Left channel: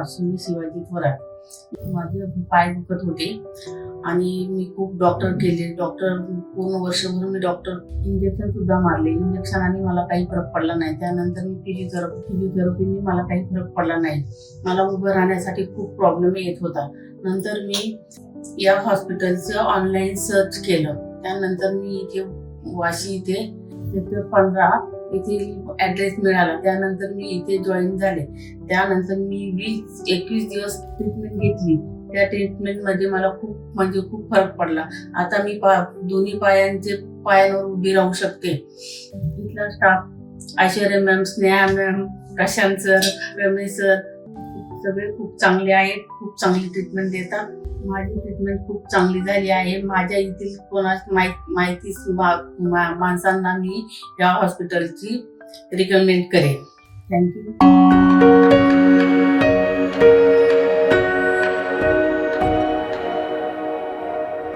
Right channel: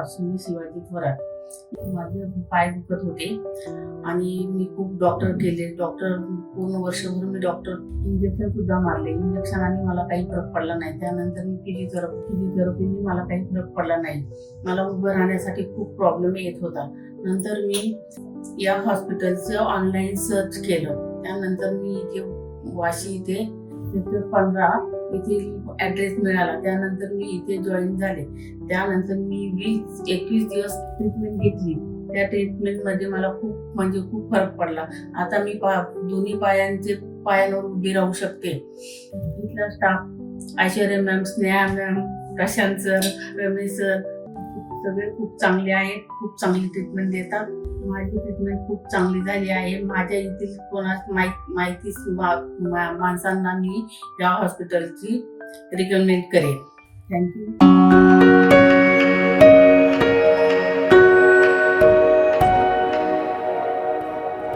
अश्विनी शिवाजी थोरात. माझे पाय दुखत होते आणि मी खूप डॉक्टर केले. पूर्ण वर्षभर मी इंजेक्शन सुद्धा मारले. इंजेक्शनाने मला काही फरक पडला नाही. त्यानंतर मी फिजिओथेरपीने मला काही फरक पडला नाही. मला उभं राहण्यासाठी खूप प्रॉब्लेम येत होता. नंतर मी या हॉस्पिटलचं ऑनलाईन सर्च केलं. त्यानंतर मी इथे वाशी इथे 15 इथे ॲड्रेस मिळाला. त्यानंतर मी इथे जॉईन झाले. त्यानंतर मी 20-21 दिवस ट्रीटमेंट घेतली. त्या ट्रीटमेंटमध्ये मला खूप फरक पडला. आता मी दोन्ही पायांवर उभी राहू शकते. इथला staff Aishwarya ma'am, Sneha ma'am, Prashant sir, Ramesh sir सगळे खूप चांगले आहेत. खूप चांगली ट्रीटमेंट देतात. माझी ट्रीटमेंट खूप चांगली झाली आहे. माझ्या येथील माहिती माणसांना मी या हॉस्पिटलची रिकमेंड करेन. थँक्यू.